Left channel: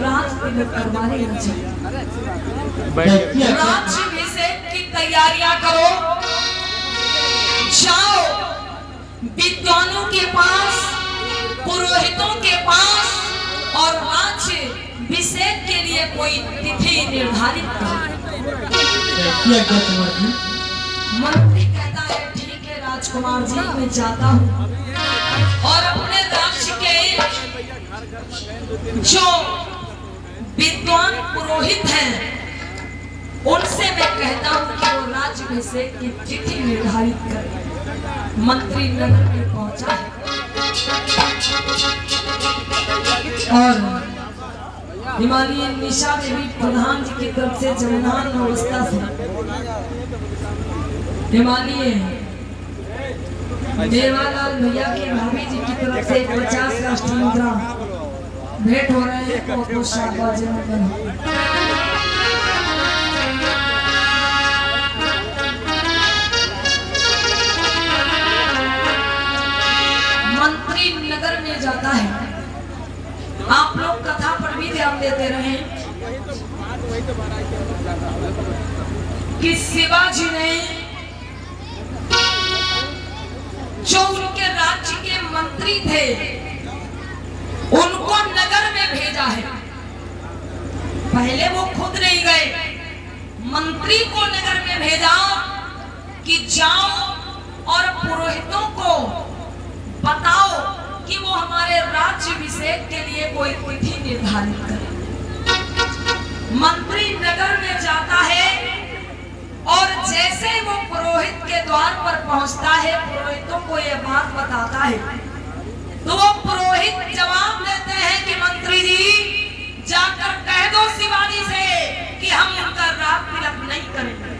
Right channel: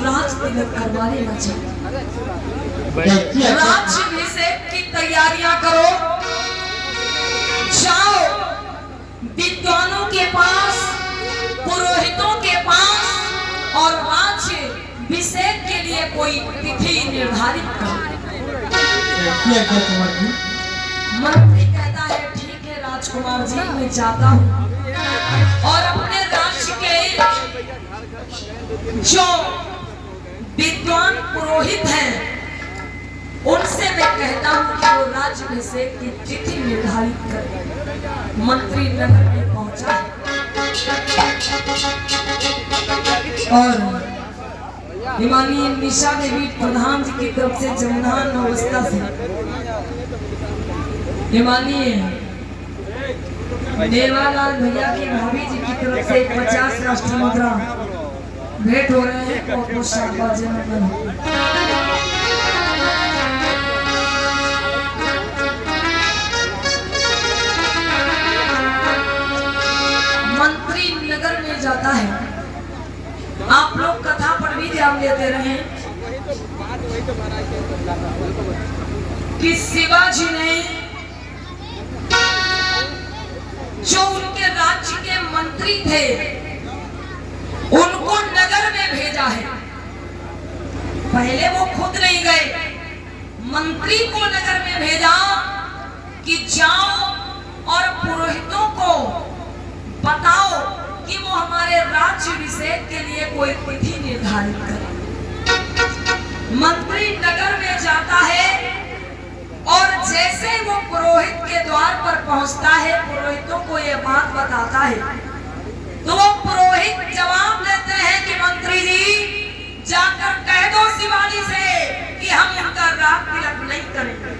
राज तिलक करवाने न चाहिए। राज्याभिषेक की तैयारियां करो, जाओ विद्वानों के पास, पुरोहितों के पास और राज्याभिषेक के लिए कोई तिथि निर्धारित करो। मंत्री कहता है ठीक है राजकुमार जी, मैं जाता हूँ और अपने राज्य के जो विद्वान पुरोहित हैं उनसे मैं कहता हूँ कि वो राज्याभिषेक की तिथि निर्धारित करें। मंत्री नगर में पहुंचा और हिमानी निशा देवी प्रधान जी की तरफ से जन्मनान अवस्था से हिमानी देवालाल भैया के भाभी जी की तरफ से 50 राष्ट्रीय मुद्रा भेंट हो रहे हैं। बहुत शानदार जन्मदिन। मंत्री नगर में जाता है। आप लोग कथा पर भी ध्यान देते रहे कि शिवाजी ने जो उनके राज्य के मंत्री थे उनको नगर में भेजा है। पहले वो खुद नहीं गए, मंत्री को नगर में भेजा कि जाओ और पुरोहितों को बताओ कि वो हमारे राज्याभिषेक के लिए कोई तिथि निर्धारित करे। मंत्री नगर में जाता है और जैसे वो पुरोहित के द्वार पर पहुंचता है, पुरोहितों को ये बात बताता है, तो वो पुरोहित जवाब देते हैं कि मंत्री जी जाकर कह दो शिवाजी से कि हम उनका राग तिलक नहीं करेंगे।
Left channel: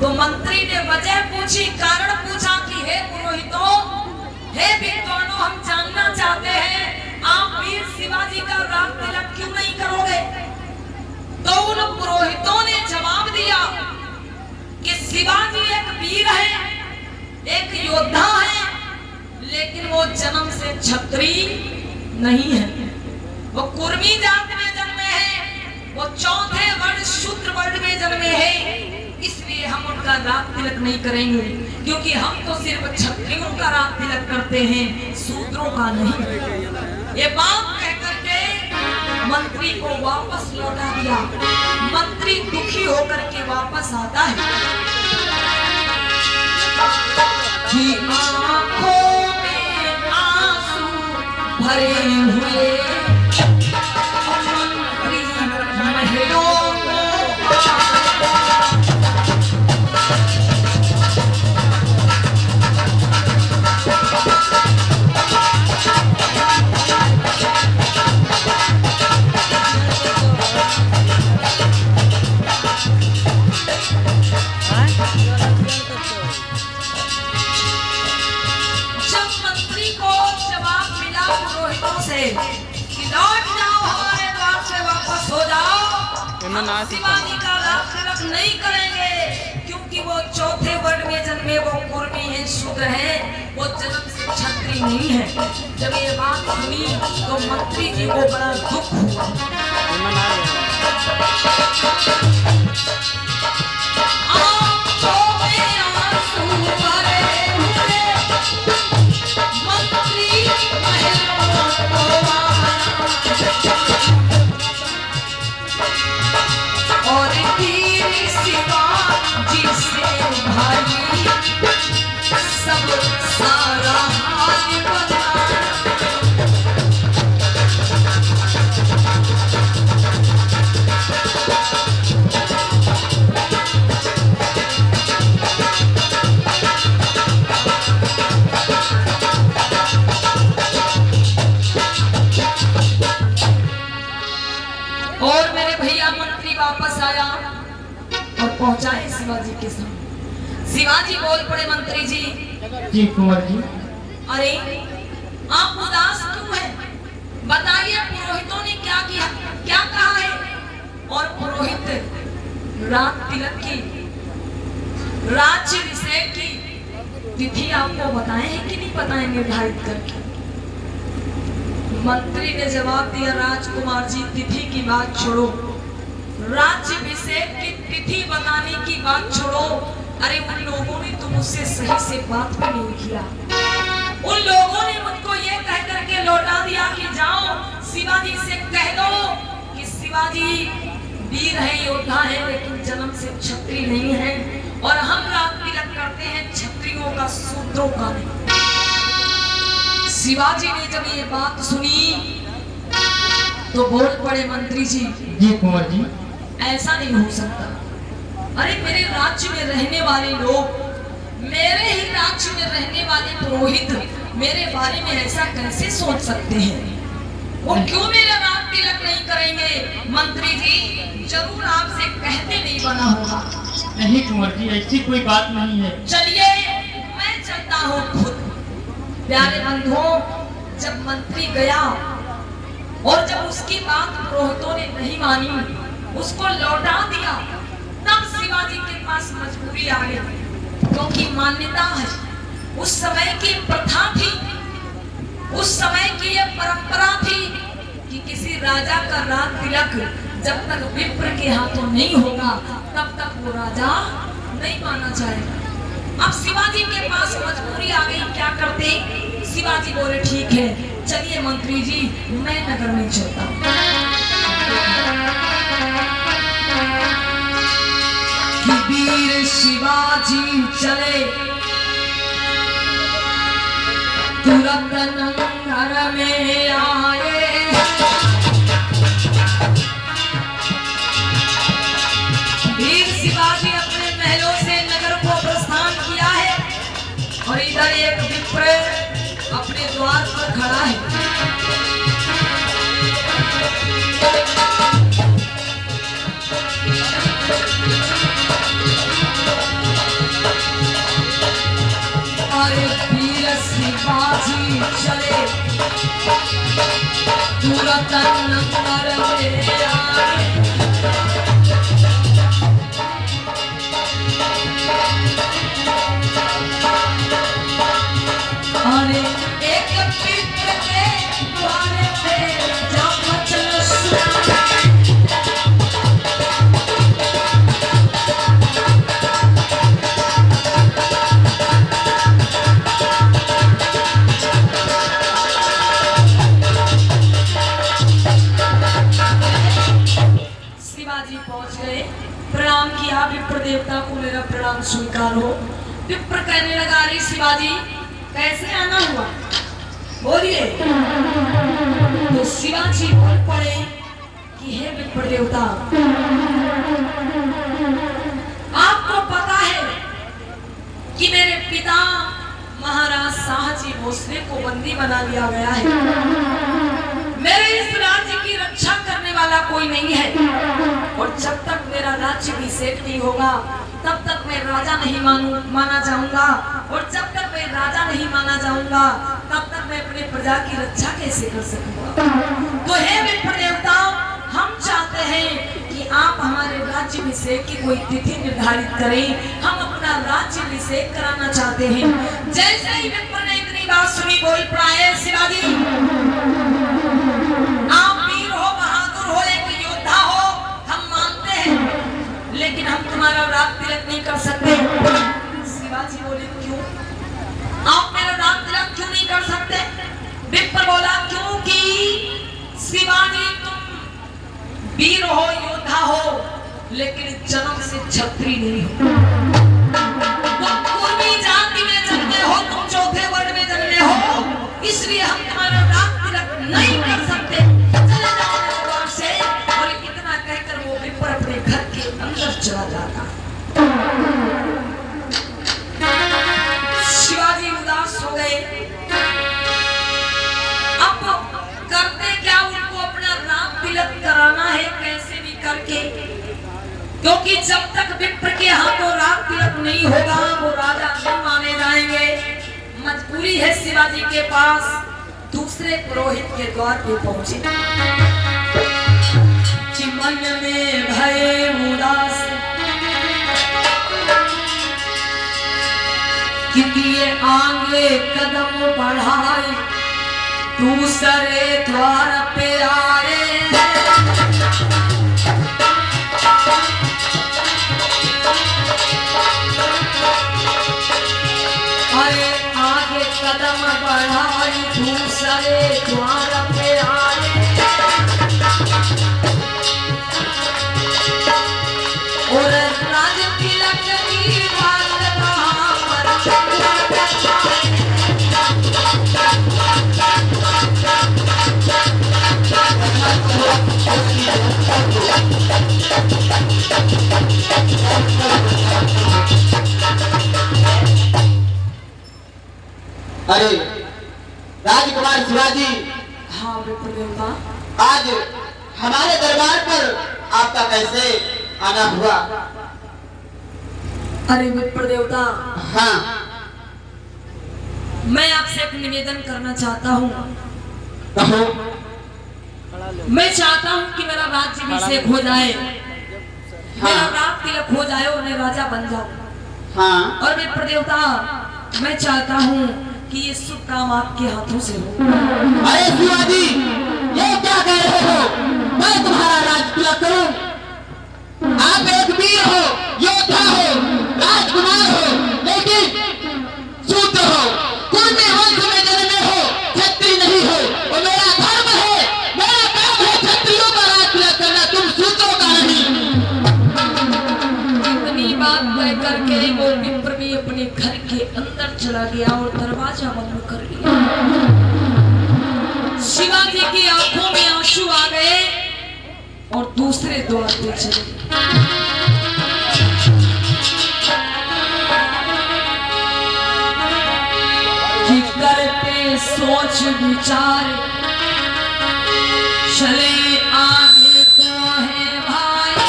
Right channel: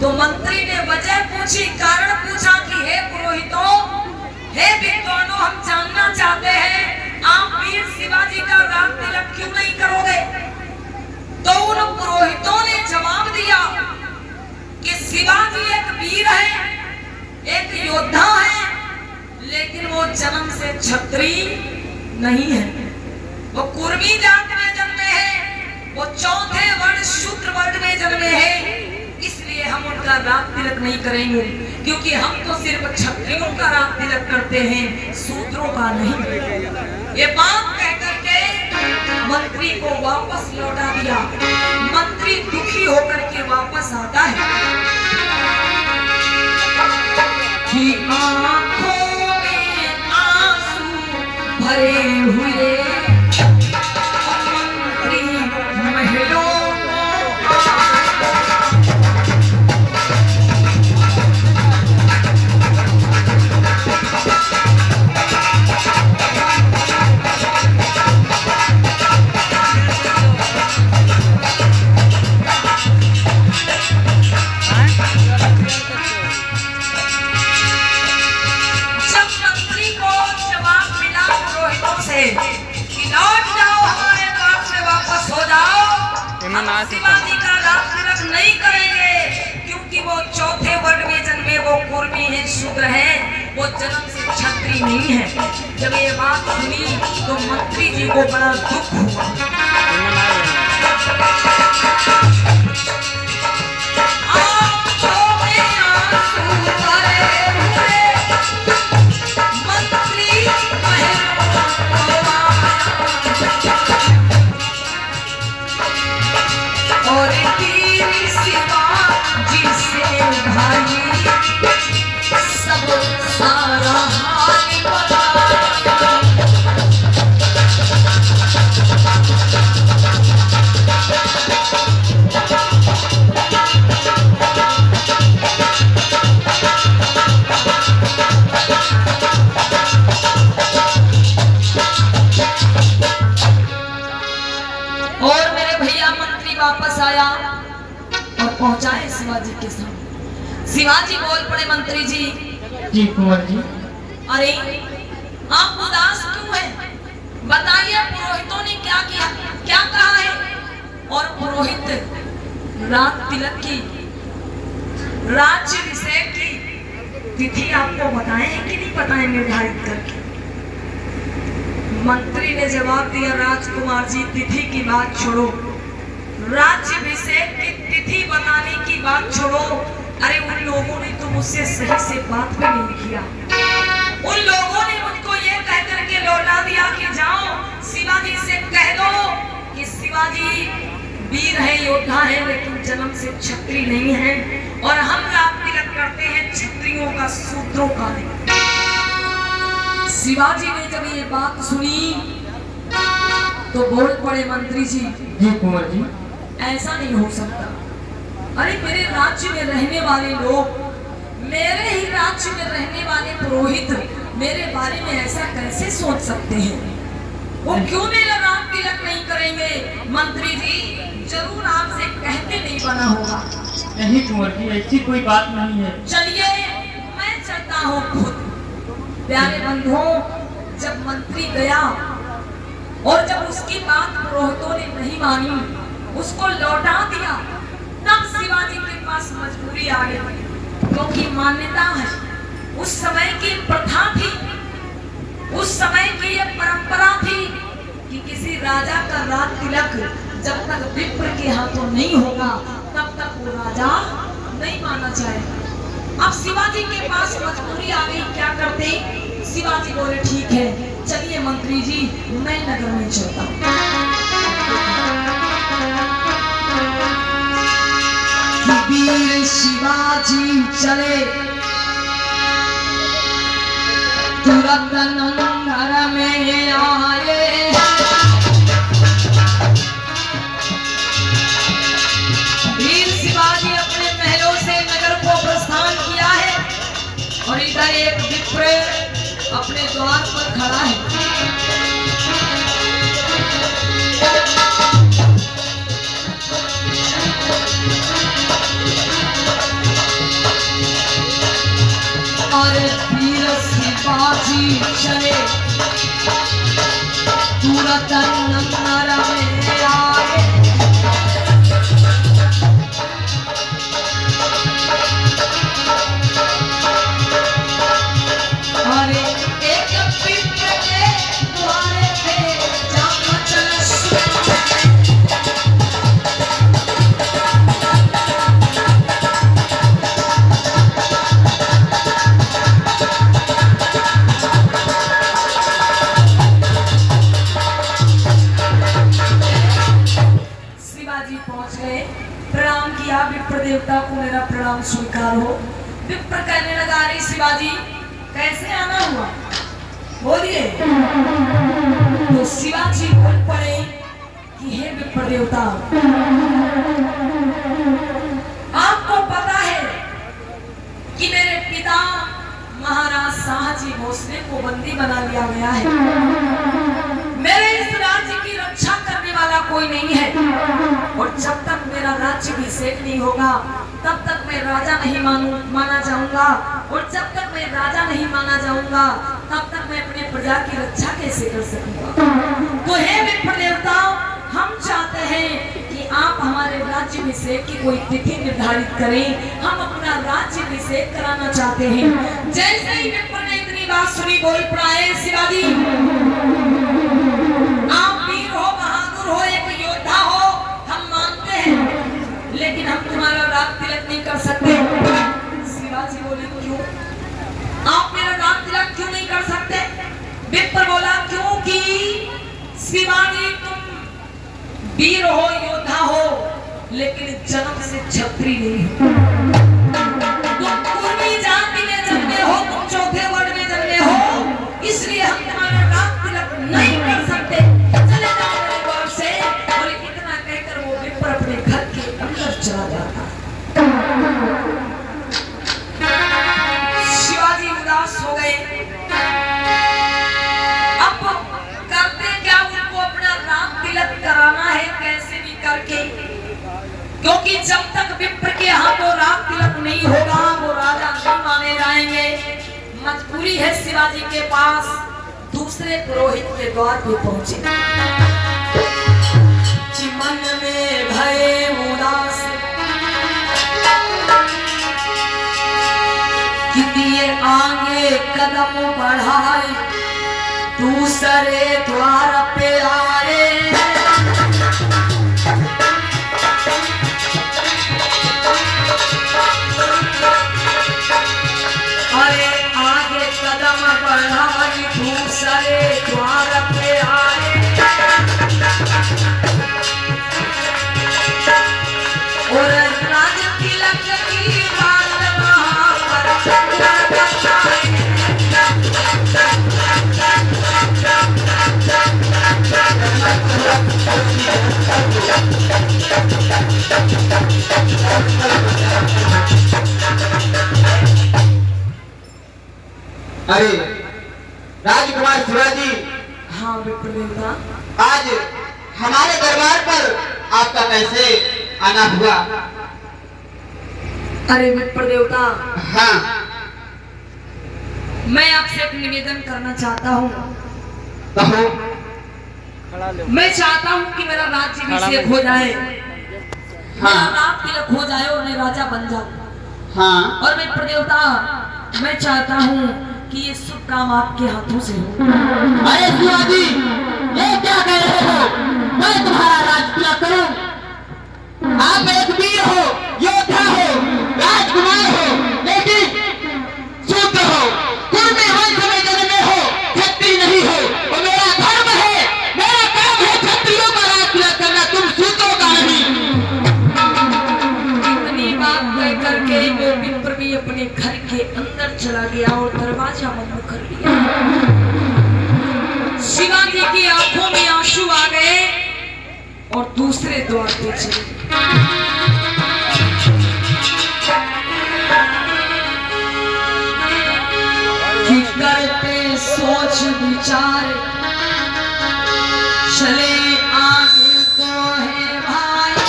तो मंत्री ने वजह पूछी, कारण पूछा कि हे पुरोहितों, हे विद्वानों, हम जानना चाहते हैं आप वीर शिवाजी का राग तिलक क्यों नहीं करोगे। तो उन पुरोहितों ने जवाब दिया कि शिवाजी एक वीर है, एक योद्धा है, लेकिन वो जन्म से क्षत्रिय नहीं है। वो कुर्मी जात में जन्मे हैं, वो चौथे वर्ण शूद्र वर्ग में जन्मे हैं। इसलिए हम उनका राग तिलक नहीं करेंगे, क्योंकि हम तो सिर्फ क्षत्रियों का राग तिलक करते हैं, शूद्रों का नहीं। ये बात कहकर के मंत्री को वापस लौटा दिया। मंत्री दुखी होकर के वापस आता है कि आंखों में आंसू भरे हुए मंत्री महलों शिवाजी का राग तिलक नहीं करेंगे, क्योंकि वो चौथे वर्ण में जन्मे, वो कुर्मी है, शूद्र है, वो जन्म से क्षत्रिय नहीं है। जब ये बात सुनी तो मंत्री जी को बड़ा दुख हुआ। पहुंचा है शिवाजी के सामने। शिवाजी बोल पड़े, मंत्री जी। जी कुंवर जी। अरे आप उदास क्यों हैं? बताइए पुरोहितों ने क्या किया, क्या कहा है? और पुरोहित राग तिलक की, राज्याभिषेक की तिथि आपको बताए हैं कि नहीं बताए निर्धारित करके? मंत्री ने जवाब दिया, राजकुमार जी तिथि की बात छोड़ो, राज्याभिषेक की तिथि बताने की बात छोड़ो। अरे उन लोगों ने तो मुझसे सही से बात भी नहीं किया। उन लोगों ने मुझको ये कह करके लौटा दिया कि जाओ शिवाजी से कह दो कि शिवाजी वीर है, योद्धा है, लेकिन जन्म से क्षत्रिय नहीं है, और हम रात तिलक करते हैं क्षत्रियों का, शूद्रों का नहीं। शिवाजी ने जब ये बात सुनी तो बोल पड़े, मंत्री जी। जी कुंवर जी। ऐसा नहीं हो सकता। अरे मेरे राज्य में रहने वाले लोग, मेरे ही राज्य में रहने वाले पुरोहित मेरे बारे में ऐसा कैसे सोच सकते हैं? वो क्यों मेरा रात तिलक नहीं करेंगे? मंत्री जी जरूर आपसे कहते नहीं बना होगा। नहीं कुंवर जी, ऐसी कोई बात नहीं है। चलिए मैं चलता हूँ खुद। प्यारे बंधुओं, जब मंत्री गया और जब उसकी बात पुरोहितों ने नहीं मानी, उसको लौटा दिया, तब शिवाजी के पास मजबूरी आ गई, क्योंकि मान्यता है, उस समय की प्रथा थी, उस समय की ये परंपरा थी कि किसी राजा का रात तिलक जब तक विप्र के हाथों नहीं होगा तब तक वो राजा नहीं माना जाएगा। अब शिवाजी के पास मजबूरी आ गई, क्या करते? शिवाजी बोले, ठीक है चलिए मंत्री जी, मैं नगर में चलता हूँ। वीर शिवाजी चले तुरंत नगर में आए, वीर शिवाजी अपने महलों से नगर को प्रस्थान किया है, और इधर एक विप्र अपने द्वार पर खड़ा है। और वीर शिवाजी चले तुरंत नगर में आए, देवता को मेरा प्रणाम स्वीकार हो। विप्र कहने लगा, अरे शिवाजी कैसे आना हुआ, बोलिए। तो शिवाजी बोल पड़े कि हे विप्र देवता, आपको पता है कि मेरे पिता महाराज शाहजी भोसले को बंदी बना दिया गया है। मेरे इस राज्य की रक्षा करने वाला कोई नहीं है, और जब तक मेरा राज्याभिषेक नहीं होगा तब तक मैं राजा नहीं माना जाऊंगा, और जब तक मैं राजा नहीं माना जाऊंगा तब तक मैं अपने प्रजा की रक्षा कैसे कर सकूंगा? तो हे विप्र देवताओं, हम चाहते हैं कि आप हमारे राज्याभिषेक की कोई तिथि निर्धारित करें, हम अपना राज्याभिषेक कराना चाहते हैं। जैसे ही विप्र ने इतनी बात सुनी, बोल पड़े, शिवाजी आप वीर हो, बहादुर हो, एक योद्धा हो, हम मानते हैं, लेकिन हम तुम्हारा रात तिलक नहीं कर सकते। शिवाजी बोले, क्यों? आप मेरा रात तिलक क्यों नहीं कर सकते? विप्र बोला, क्योंकि शिवाजी तुम वीर हो, योद्धा हो, लेकिन जन्म से क्षत्रिय नहीं हो। तुम पूर्वी जाति में जन्मे हो, तुम चौथे वर्ण में जन्मे हो, इसलिए हम तुम्हारा रात तिलक नहीं कर सकते। चले जाओ मेरे द्वार से। और इतना कहकर वो विप्र अपने घर के अंदर चला जाता। शिवाजी उदास हो गए। अब करते क्या? उनको अपना रात तिलक कराना है कैसे भी करके, क्योंकि जब तक विप्र के हाथों रात तिलक नहीं होगा वो राजा नहीं माने जाएंगे। मजबूरी है शिवाजी के पास दूसरे पुरोहित के द्वार पे पहुंचे। मन में भय उदास कि ये आगे कदम बढ़ाए, दूसरे द्वार पे आए अरे आगे कदम बढ़ाई दूसरे द्वार पे आए और राज तिलक की बात वहाँ पर चला जाता है। अरे राजकुमार शिवाजी, हाँ विप्रदेवता, आज हमारे दरबार पर आपका कैसे आना हुआ? अरे विप्रदेवता, हाँ, मैं आपसे एक निवेदन करना चाहता हूँ। कहो। मैं चाहता हूँ कि मेरा राज्य अभिषेक हो जाए, मेरा राज तिलक हो जाए और मैं राजा बन जाऊं। हाँ, और विप्रदेवता, मैं चाहता हूँ कि ये शुभ काम आपके हाथों से हो। अरे शिवाजी, ये क्या कह रहे हो? मैं तुम्हारा राज तिलक करूं? आप एक वीर हो, योद्धा हो, राजकुमार हो, लेकिन शूद्र हो, कुर्मी वंश में जन्मे हो, क्षत्रिय नहीं हो। और मेरा धर्म है, मेरा काम है क्षत्रियों का राज तिलक करना, तुम शूद्रों का नहीं। इतनी बात कह करके वो विप्र भी अपने घर के अंदर चला गया और दरवाजा बंद कर दिया। शिवाजी की आंखों में आंसू आ गए और दूसरे द्वार पे चले। कि करते सोच विचार चले आगे को है भाई।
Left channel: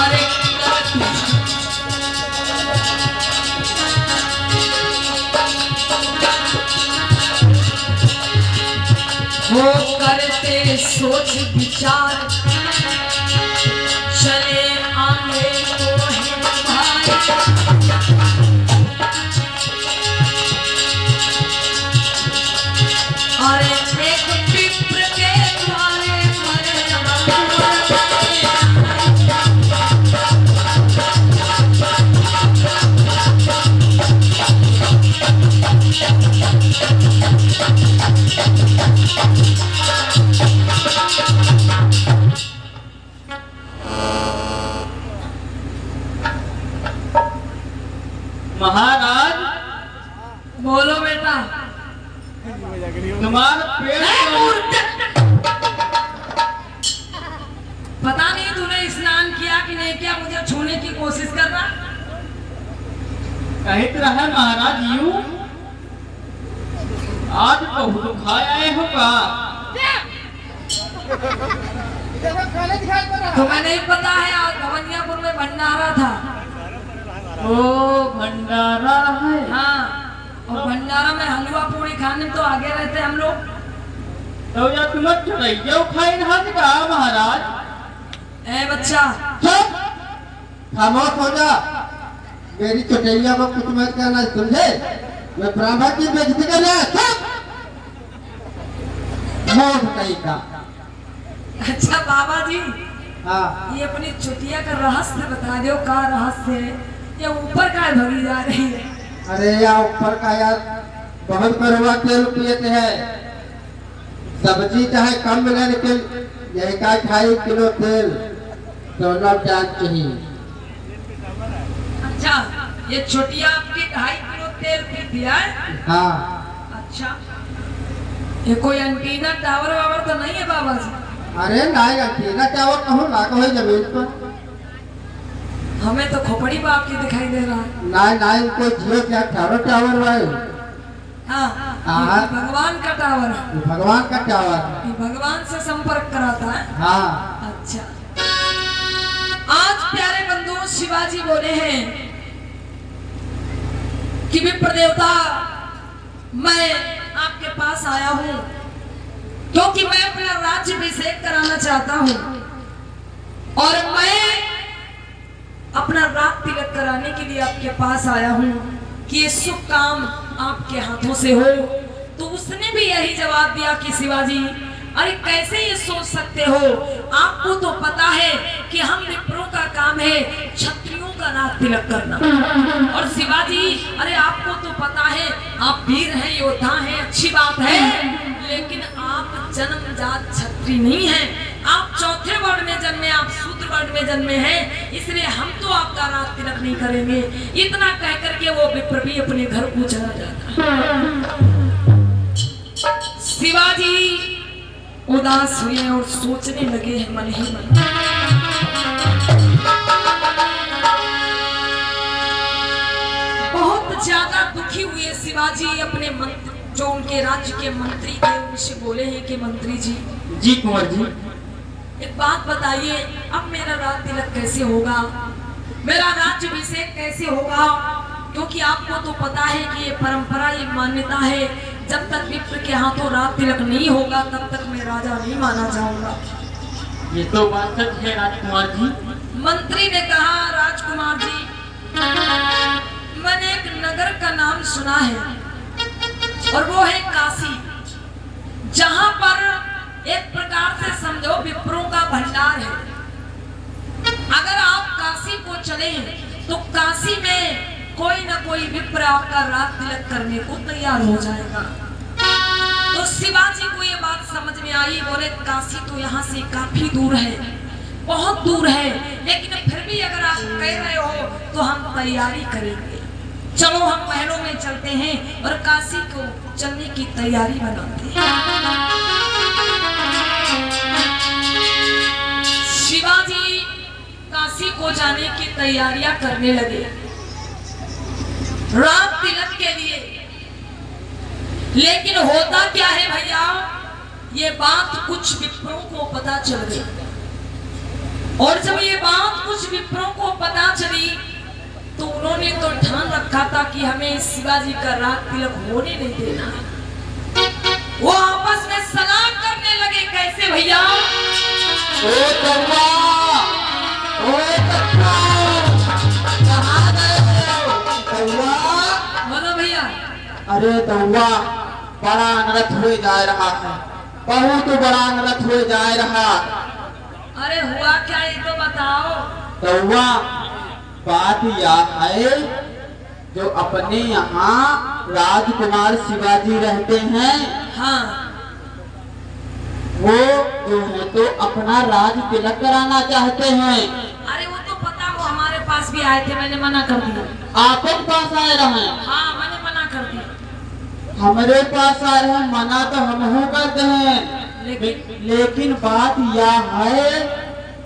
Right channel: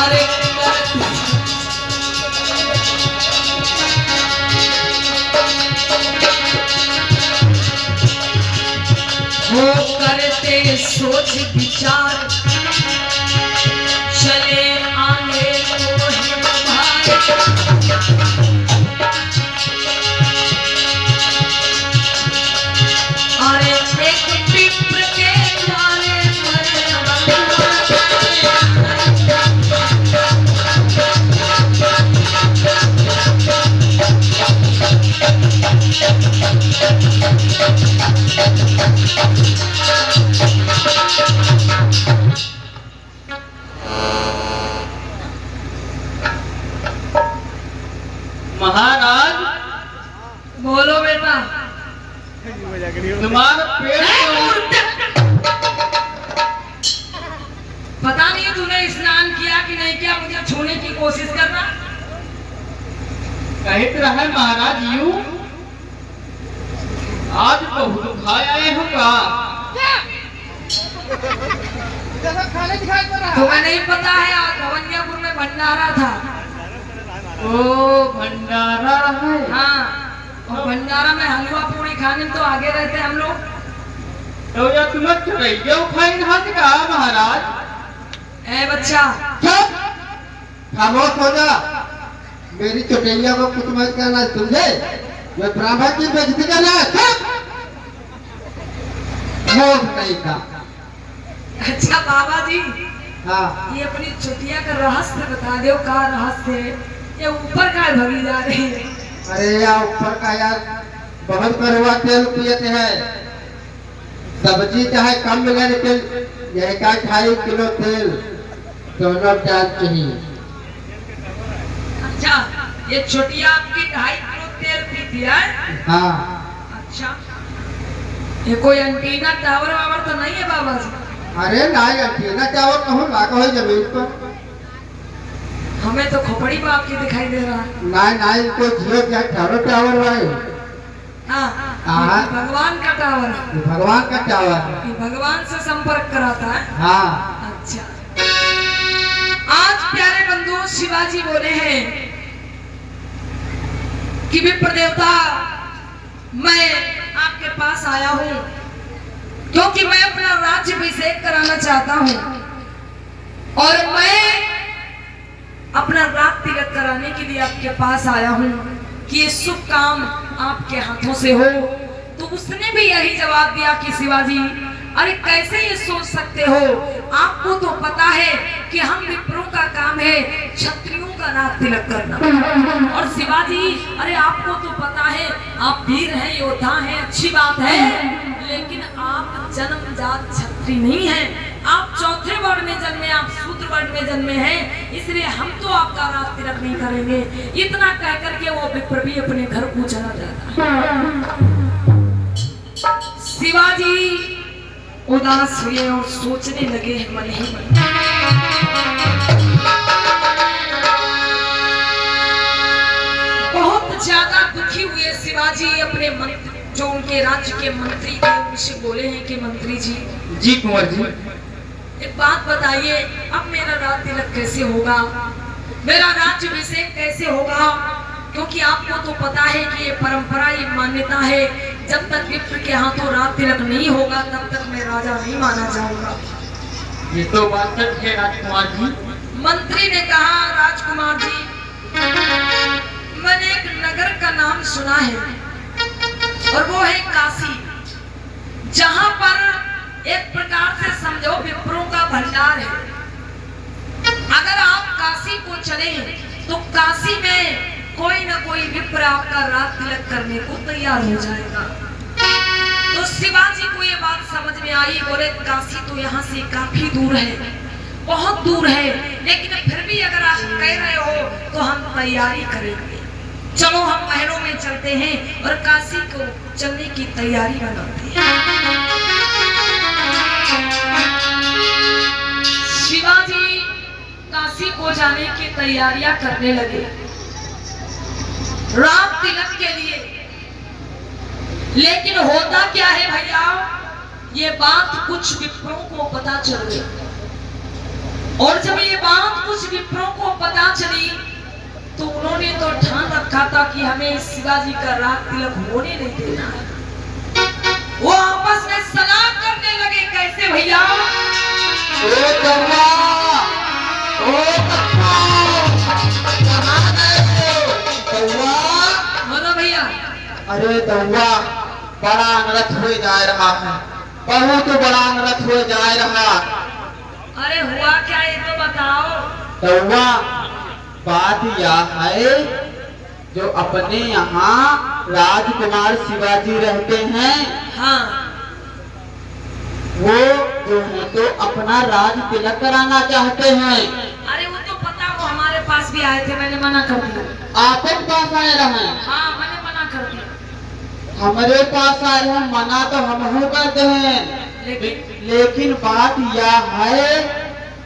अरे वो करते सोच विचार चले आगे को है भाई। अरे एक विप्र के द्वारे महाराज, बोलो बेटा। तुम्हारा पेट पता नहीं तूने स्नान किया कि नहीं किया, मुझे छूने की कोशिश कर रहा। कहत रहा महाराज यूं आज बहुत खाए आए हो का? तुम्हें नहीं पता है आज भवनियापुर में भंडारा था। ओ भंडारा है। हाँ, और भंडारा में हलवा पूरी खाने तो आगे रहते हम लोग। तो या तुम्हें चढ़ाइया उठाई हाथ का महाराज? ए बच्चा, चुप, खामोश हो जा। मेरी चटैया को कुछ मत करना, समझे? मैं ब्राह्मण की बेइज्जती करना है। चुप, मूर्ख कहीं का। अच्छा बाबा जी, हाँ, ये अपनी चुटिया का रहस्य बता दो। का रहस्य है? ये ऊपर का भरी जा रही है। अरे यहाँ ऊपर का यार बहुत कड़वा तेल पियते हैं। सब्जी चाहे कम मिले लेकिन यही का 2.5 किलो तेल दोनों टाइम चाहिए। अच्छा, ये चुटिया आपकी 2.5 किलो तेल पीती है? हाँ, अच्छा, ये कोई एंटीना टावर वावर तो नहीं है बाबा जी? अरे नहीं, अंटीना टावर कहूँ लागा हो जमीन पर। हमें तो खोपड़ी बाप की दिखाई दे रहा है। नहीं नहीं, कोई जियो क्या टावर भाई। हाँ, हाँ। ये भगवान का टावर है। भगवान का टावर। ये भगवान से संपर्क कराता है। हाँ, अच्छा, आज प्यारे बंधु शिवाजी बोले हैं कि विप्र देवता मैं आपके पास आया हूं क्योंकि मैं अपना राज्याभिषेक कराना चाहता हूं और मैं अपना राज तिलक कराने के लिए आपके पास आया हूं कि ये शुभ काम आपके हाथों से हो। तो उसने भी यही जवाब दिया कि शिवाजी अरे कैसे ये सोच सकते हो, आपको तो पता है कि हम विप्रों का काम है क्षत्रियों का राज तिलक करना। और शिवाजी अरे आपको तो पता है आप वीर हैं, योद्धा हैं, अच्छी बात है, लेकिन आप जन्मजात क्षत्रिय नहीं हैं, आप चौथे वर्ण में जन्मे, आप शूद्र वर्ण में जन्मे हैं, इसलिए हम तो आपका राज तिलक नहीं करेंगे। इतना कहकर के वो विप्र भी अपने घर को चला जाता। शिवाजी उदास हुए और सोचने लगे हैं मन ही मन। बहुत ज्यादा दुखी हुए शिवाजी अपने मंत्री जो उनके राज्य के मंत्री थे उनसे बोले हैं कि मंत्री जी। जी कुंवर जी। एक बात बताइए, अब मेरा राज तिलक कैसे होगा, मेरा राज्याभिषेक कैसे होगा? क्योंकि आपको तो पता है कि ये परंपरा, ये मान्यता है, जब तक विप्र के हाथों राज तिलक नहीं होगा तब तक मैं राजा नहीं माना जाऊंगा। ये तो बात सच है राजकुमार जी। मंत्री ने कहा राजकुमार जी मैंने एक नगर का नाम सुना है और वो है काशी, जहां पर एक प्रकार से समझो विप्रों का भंडार है। अगर आप काशी को चले तो काशी में कोई ना कोई विप्र आपका राज तिलक करने को तैयार हो जाएगा। तो शिवाजी को ये बात समझ में आई, बोले काशी तो यहाँ से काफी दूर है, बहुत दूर है, लेकिन फिर भी अगर आप कह रहे हो तो हम तैयारी करेंगे। चलो हम महलों में चलते हैं और काशी को चलने की तैयारी बनाते हैं। शिवाजी काशी को जाने की तैयारियां करने लगे राज तिलक के लिए। लेकिन होता क्या है भैया, ये बात कुछ विप्रों को पता चल गई और जब ये बात कुछ विप्रों को पता चली तो उन्होंने तो ठान रखा था कि हमें शिवाजी का राज तिलक होने नहीं देना। वो आपस में सलाह करने लगे, कैसे भैया? अरे दौआ बड़ा अनर्थ हो जा रहा है, बहुत बड़ा अनर्थ हो जा रहा। अरे हुआ क्या ये तो बताओ। दौआ बात यह है जो अपने यहाँ राजकुमार शिवाजी रहते हैं, हाँ, वो जो है तो अपना राज तिलक कराना चाहते हैं। अरे वो तो पता, वो हमारे पास भी आए थे, मैंने मना कर दिया। आपके पास आए रहे? हाँ मैंने मना कर दिया। हमारे पास आए हैं, मना तो हम हो करते हैं, लेकिन बात यह है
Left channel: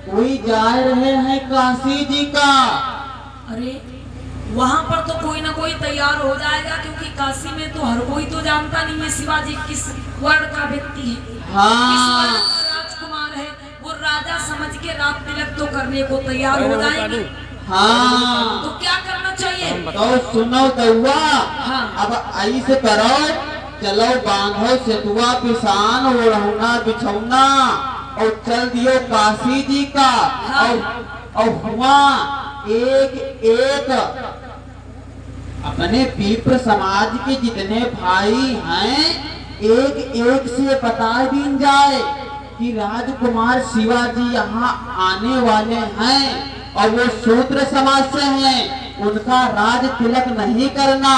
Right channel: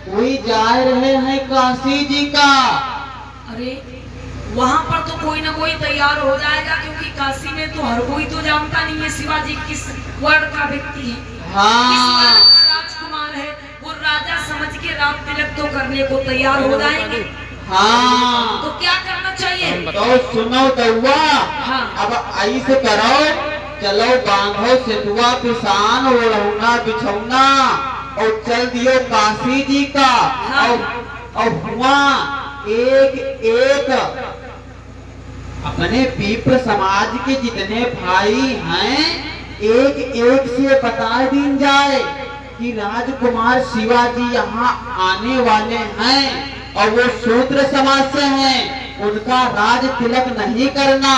कोई जा रहे हैं काशी जी का। अरे वहाँ पर तो कोई ना कोई तैयार हो जाएगा, क्योंकि काशी में तो हर कोई तो जानता नहीं है शिवाजी किस वर्ण का व्यक्ति है, किस वर्ण का राजकुमार है। वो राजा समझ के राज तिलक तो करने को तैयार हो जाएंगे। हाँ, तो क्या करना चाहिए? तो सुनो दौआ, हाँ। अब ऐसे करो, चलो बांधो सितुआ पिसान ओढ़ौना बिछौना और चल दियो काशी जी का। हाँ। और हुआ एक एक अपने विप्र समाज के जितने भाई हैं, एक एक से बता दी जाए कि राजकुमार शिवाजी यहाँ आने वाले हैं और वो शूद्र समाज से हैं, उनका राज तिलक नहीं करना।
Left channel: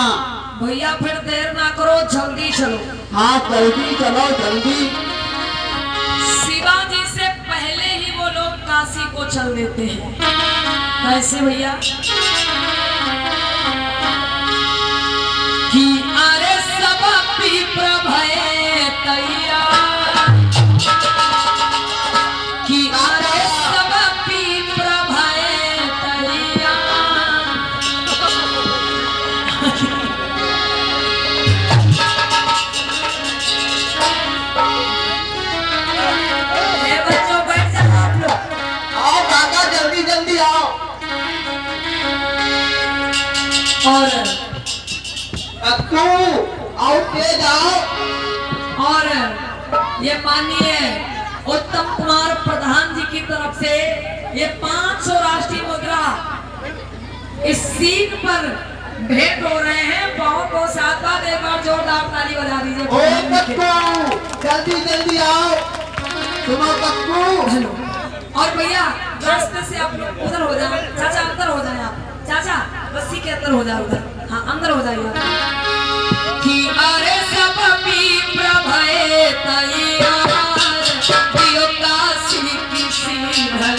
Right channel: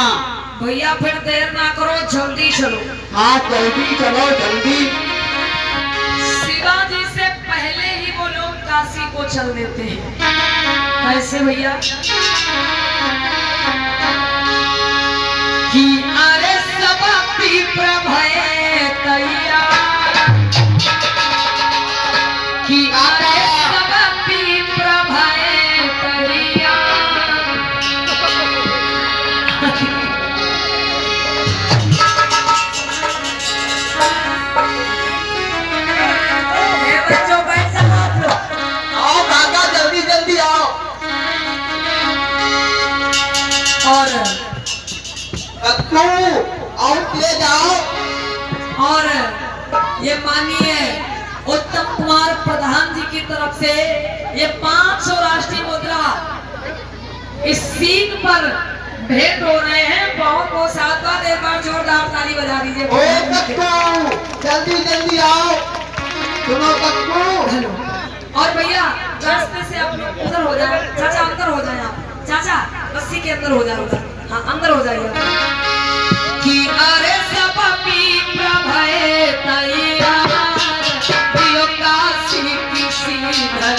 भैया फिर देर ना करो, जल्दी चलो। हाँ जल्दी चलो, जल्दी। शिवाजी से पहले ही वो लोग काशी को चल देते हैं। कैसे भैया? कि अरे सब विप्र भये तैयार, कि अरे सब विप्र भये तैयार। ये बच्चों बैठ जाओ आप लोग। आओ काका, जल्दी जल्दी आओ। और ले जाओ। और ये माननीय उत्तम कुमार प्रधान जी की तरफ से ये 500 राष्ट्रीय मुद्रा इस सीन पर भेंट हो रहे हैं। बहुत बहुत साधुवाद, एक बार जोरदार ताली बजा दीजिए। ओए कक्कू, जल्दी जल्दी आओ। सुनो कक्कू। और भैया रास्ते से आप लोग उधर हो जाए, चाचा अंदर हो जाए आप, चाचा रस्सी के अंदर हो जाए, उधर हाँ अंदर हो जाइए कि अरे सब विप्र भये तैयार दियो काशी की श्रीधर।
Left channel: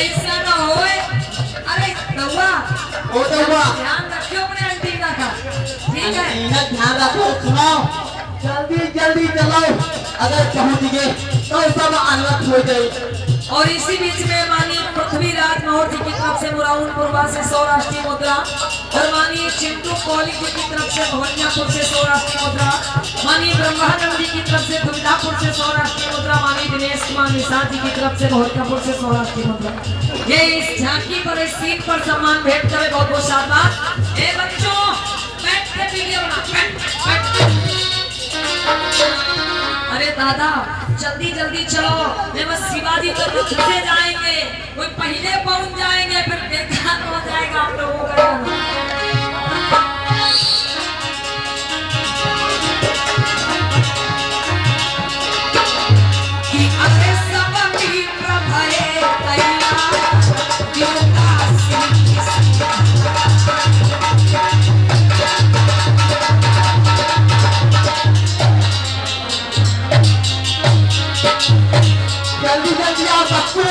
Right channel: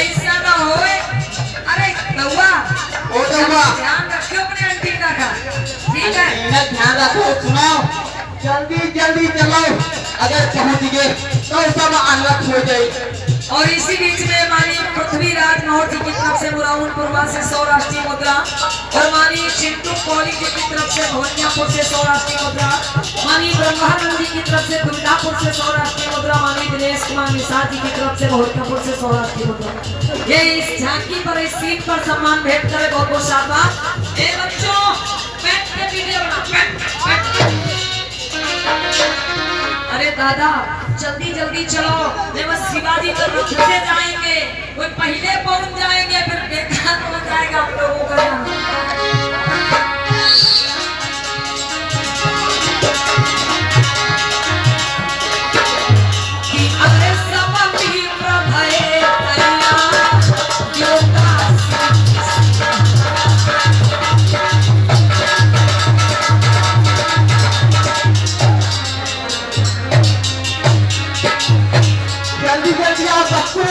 ऐसा ना होए। अरे कौवा, ओ कौवा, ध्यान रखियो अपने एंटीना का, ठीक है? एंटीना ध्यान रखो। सुनो, जल्दी जल्दी चलो, अगर पहुंच गए तो सब अलग हो जाए। और इसी बीच में हमारी पृथ्वीराज मौर्य जी की तरफ से मुराउनपुरवा से 100 राष्ट्रीय मुद्रा, और हमारी चिंटू कोहली जी की तरफ से भोजपुर से 100 राष्ट्रीय मुद्रा, माननीय ब्रह्मानंद जी की तरफ से दुर्गापुर से 100 राष्ट्रीय मुद्रा, माननीय दिनेश कुमार निषाद जी की तरफ से भोजपुर से 100 राष्ट्रीय मुद्रा। ये इस झांकी पर, इस सीन पर सम्मान भेंट करे। बहुत बहुत शाबाश। ए बच्चों, बैठ के वीडियो बना। अरे दादा जल्दी जल्दी चलो, जब शिवाजी का रथ से जाएंगे, वो पहले पहुंच जाएंगे, फिर बेकार हो जाएगा हम लोगों का। कि अरे सब विप्र भये तैयार दियो काशी की जल्दी जल्दी आओ कक्कू।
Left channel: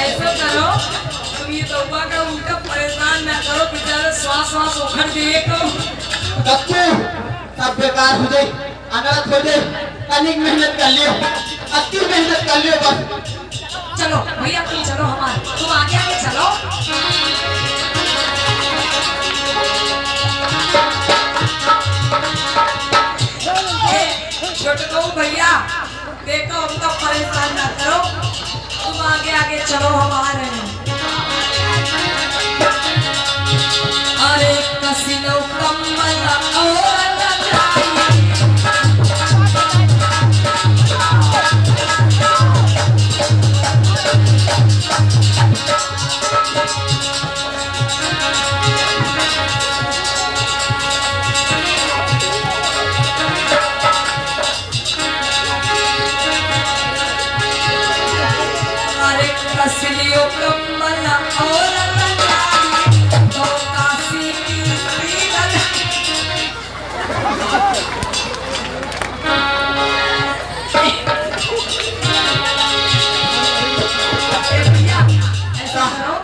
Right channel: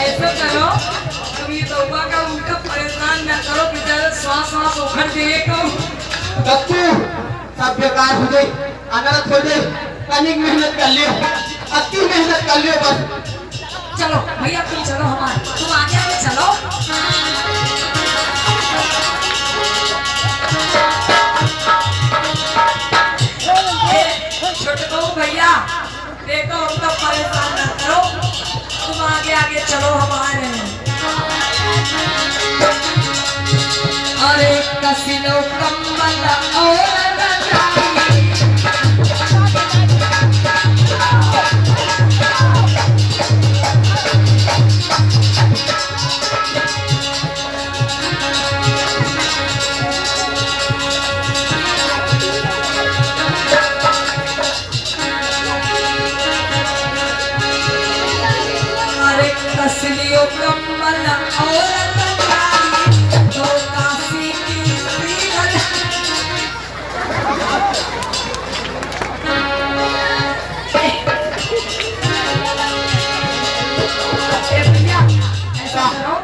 ऐसा करो, कभी तौबा का उनका परेशान ना करो, बेचारे सांस सांस उखड़ देगा। कक्कू, सब बेकार हो जाए, अनाथ हो जाए। तनिक मेहनत कर लियो, अति मेहनत कर लियो बस। चलो भैया तुम चलो, हमारे तुम आगे आगे चलो। छोटे को भैया देखो, उनका परेशान ना करो, तुम आगे आगे चलो, हम आ रहे हैं। अरे कसिलो कम्मल और कसलियों कम्मल और तो काशी की श्रीधर। भैया ऐसा करो,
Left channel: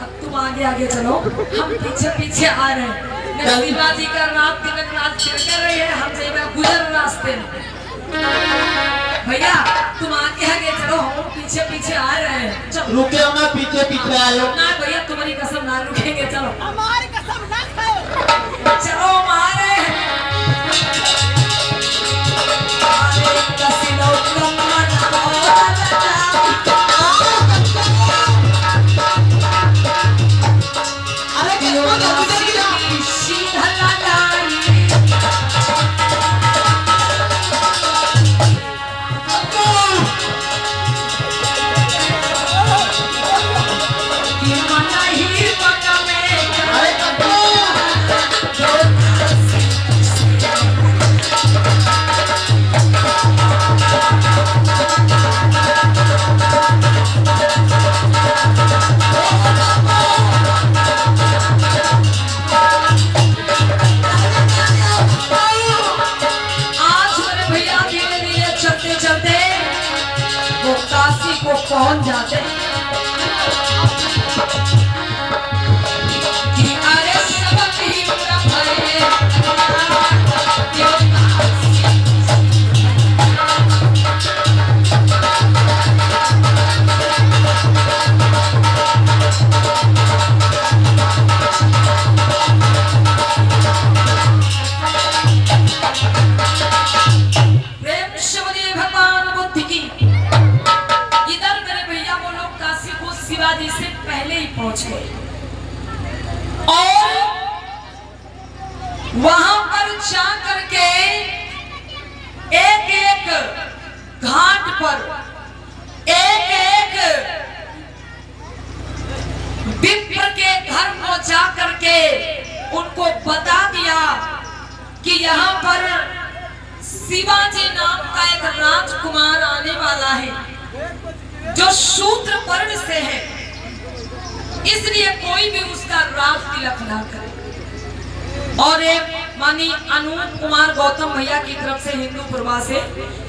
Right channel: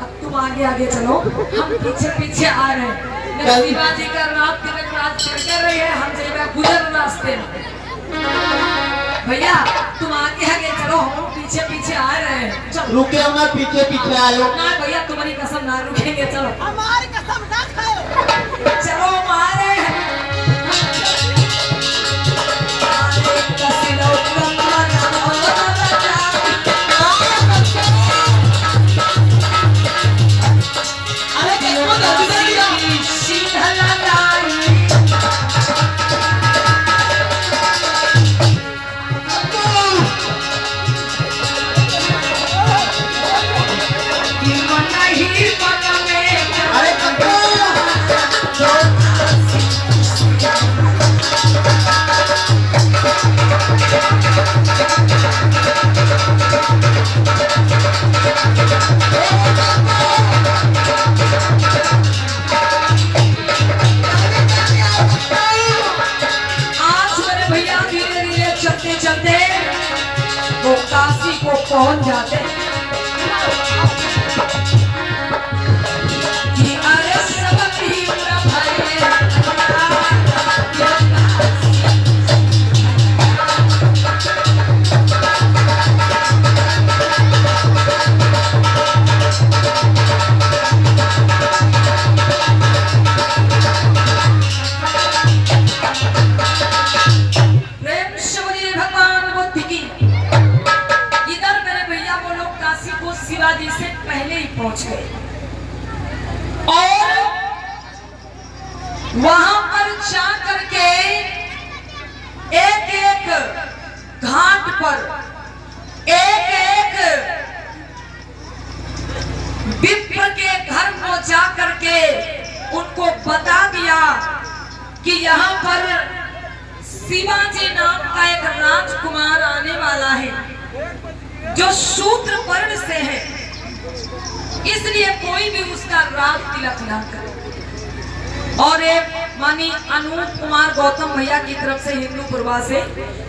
अब तुम आगे आगे चलो, हम पीछे पीछे आ रहे हैं। शिवाजी का रात तिलक राज कर रही है, हम जब गुजर रास्ते में। भैया तुम आगे आगे चलो, हम पीछे पीछे आ रहे हैं। चलो रुके ना, पीछे पीछे आयो ना भैया, तुम्हारी कसम ना रुकेंगे। चलो हमारी कसम ना खाओ। चलो हम आ रहे हैं। कसिलो कम्मल अरे कक्कू जल्दी जल्दी आओ। शीतल लाई। अरे कक्कू शिवाजी से पहले ही पहुंच गए और वहां पर जा करके एक एक घाट पर एक एक विप्र के घर को जा करके उनको बता दिया कि यहाँ पर शिवाजी नाम का एक राजकुमार आने वाला है जो शूद्र वर्ण से है, इसलिए कोई भी उसका राज तिलक ना करे। और एक मानी अनूप कुमार गौतम भैया की तरफ से हिंदू प्रभा से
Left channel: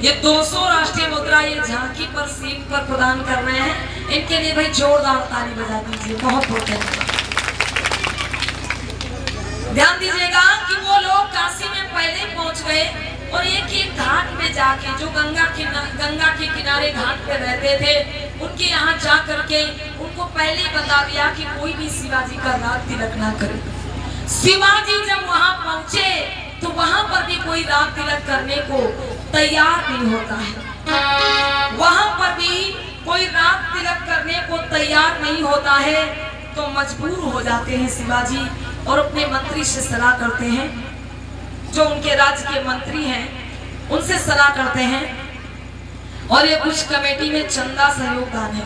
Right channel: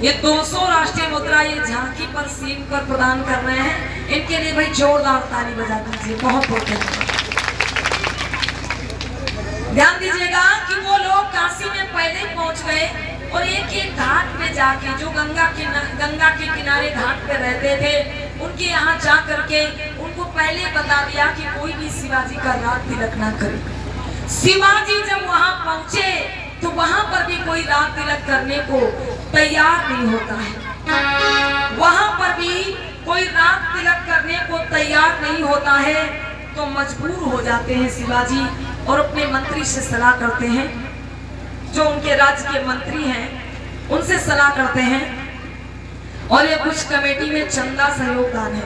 ये 200 राष्ट्रीय मुद्रा ये झांकी पर सीट पर प्रदान कर रहे हैं। इनके लिए भाई जोरदार ताली बजा दीजिए, बहुत बहुत धन्यवाद। ध्यान दीजिएगा कि वो लोग काशी में पहले ही पहुंच गए और एक एक घाट पे जाके जो गंगा के किनारे घाट पे रहते थे उनके यहाँ जा करके उनको पहले बता दिया कि कोई भी शिवाजी का राज तिलक ना करे। शिवाजी जब वहां पहुंचे तो वहां पर भी कोई राज तिलक करने को तैयार नहीं होता है, वहां पर भी कोई राज तिलक करने को तैयार नहीं होता है। तो मजबूर हो जाते हैं शिवाजी और अपने मंत्री से सलाह करते हैं, जो उनके राज्य के मंत्री हैं उनसे सलाह करते हैं और ये कुछ कमेटी में चंदा सहयोग दान है।